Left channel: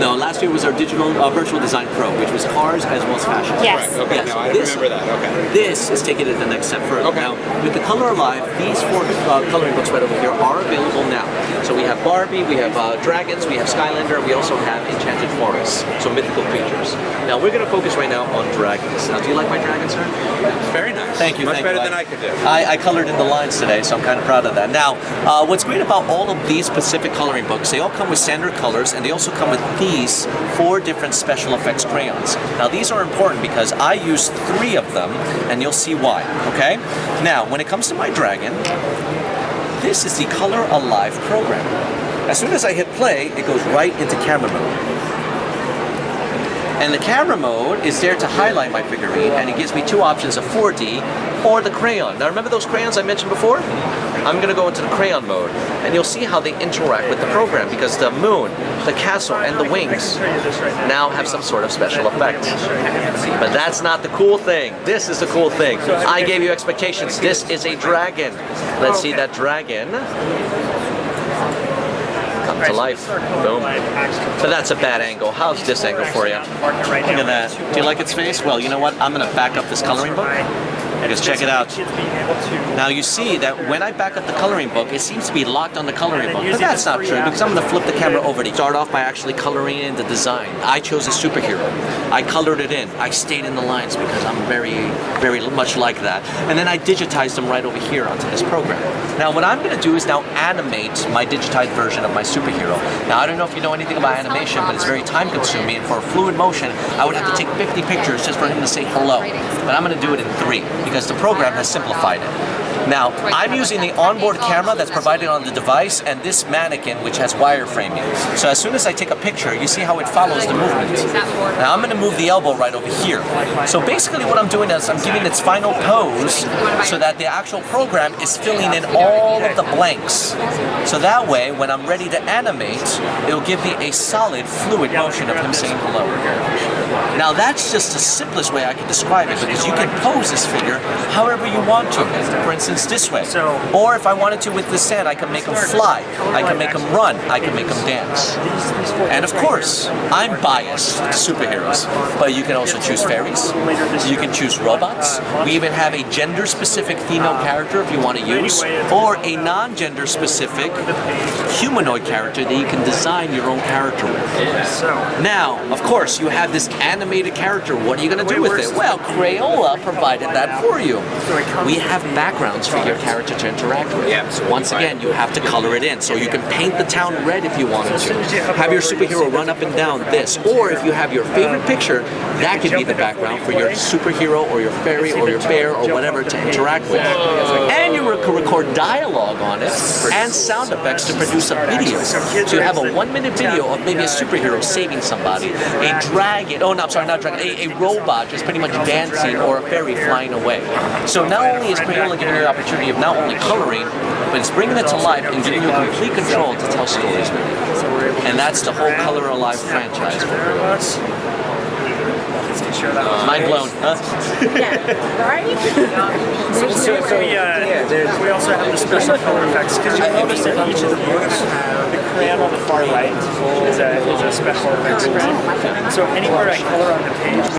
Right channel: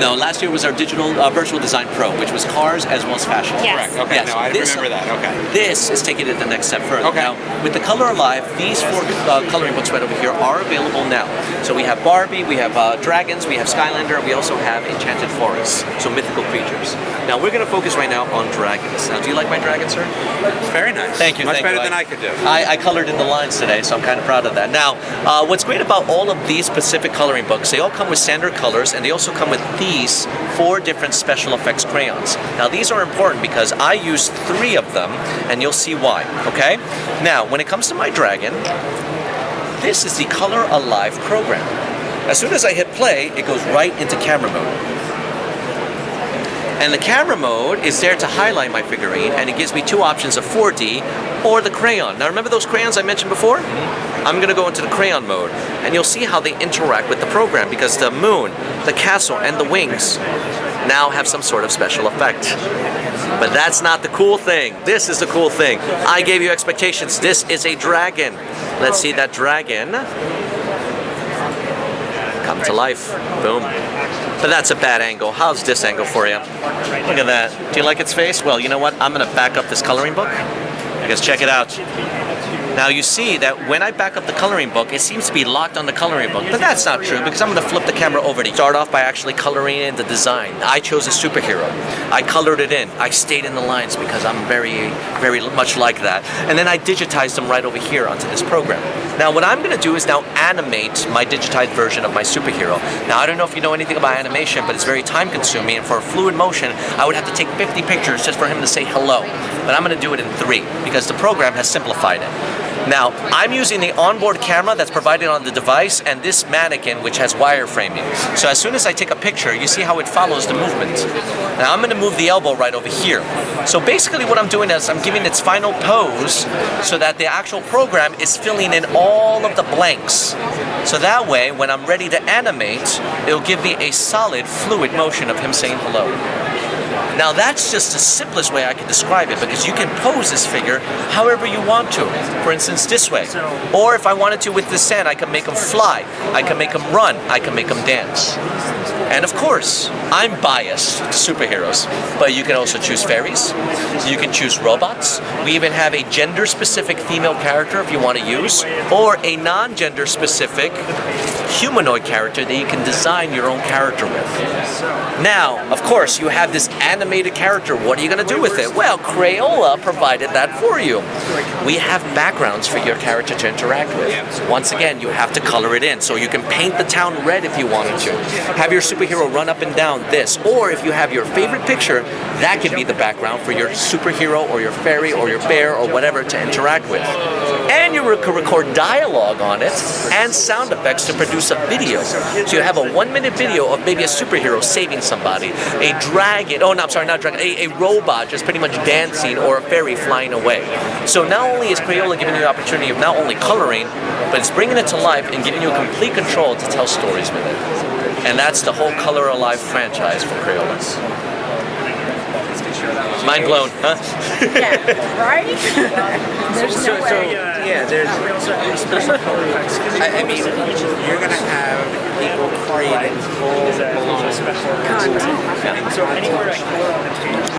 No, last year was our digital virtual design pro, which was cars as well as fashion. Yes. Okay, Yes. no, I remember that. Okay. This is taking it the next step further. Okay. Now, with the Color Alive, these 4 coloring books right over here are available now. So we have Barbie, we have dragons, we have Skylander, we also have Enchanted Forests, so mythical creatures. Now we're going to focus right now on dragons. Now, do you like my dragon, sir? Very nice. Thank you. Much thank better you. than I could do. I colored in the lines today, so I'm kind of proud of that. Now, what's great about all of these specific coloring books, they all come with standard colors, and they also come with these 4 different special effects crayons. Now, these are important because I use 3 of them, and you'll see why, okay? Now, when it comes to my dragon, this is the Color Alive program. As soon as I hit play, it goes right into camera mode. And the camera mode is there to highlight my figurine, and it gives me 2 options, a 4D or the crayon. Now remember those crayons I mentioned before? I'm going to go into the crayon mode, and you'll see how they interact with the program, because the moon, the castle, and the wings now have some sort of special effect. But that's not the cool thing. This is the cool thing. I gave you expectations. This is a dragon. Let's see that dragon come to life. Boom. But that's a bad angle. How's this angle for you? Look at that. Do you like its face? Well, you know what? I'm going to back up this coloring book. I guess check it out. Now you see that when I back up the coloring book, it seems to be locked on the coloring book. But that's not true, because I'm going to flip the camera over to start off by actually coloring in the design. I chose a superhero. I colored it in. I stayed in the lines because I'm very, very much like that. And then I digitized them right over here onto this program. Now what I'm going to do is now animate my digitized version of my superhero. Now I don't know if you know anything about animation, but it's very time consuming, and for a fluid motion, I would have to take 50 pictures just for him to say hello. But I'm going to do it in 3 because the program has simplified it. Now, I'm using the onboard camera that's provided on the device and this mannequin which has wireframing. So as soon as I take a picture, you see how it follows the movement. Now I'm going to move the elbow right over here. So basically what I'm doing is I'm giving its final pose so that the actual program is filling in all of the blanks. So that way, when I'm ready to animate, it'll give me a solid, fluid motion of him saying hello. Now that's just the simplest way I can describe it, because you can pose this figure however you want to. For instance, this way. Or if I wanted to with the sand, I can make him fly, I can make him run, I can make him dance. And of course, I'm biased to superheroes, but you can also choose fairies, you can choose robots, we even have a gender-specific female character if you want to use, or a non-gender specific humanoid character that you can design your own character with. Now, of course, you have this animated character. What are you going to do with it? Well, Crayola provided that for you. We have backgrounds for your character to interact with. Once again, you have to color it in. So you can paint the town red if you wanted to. Have your superhero run up and down this. Or if you have your favorite picture, that could be the background for your superhero or your fairy or your bear or whatever to interact with. And you can record dialogue on it and sound effects to produce a video. So you have a 1-minute video of maybe a superhero saving somebody, a dragon, oh no, I'm sorry, not a dragon, a robot just pretty much dancing, or a fairy flying away. So not only is Crayola giving you the opportunity of not only coloring, but it's bringing it to life and giving you complete control to tell stories with it. And that's the whole Color Alive franchise for girls. Mind blown, huh? Yeah, right? We also have special effects. I mean, you're going to have people fighting. So anywhere to color on the page.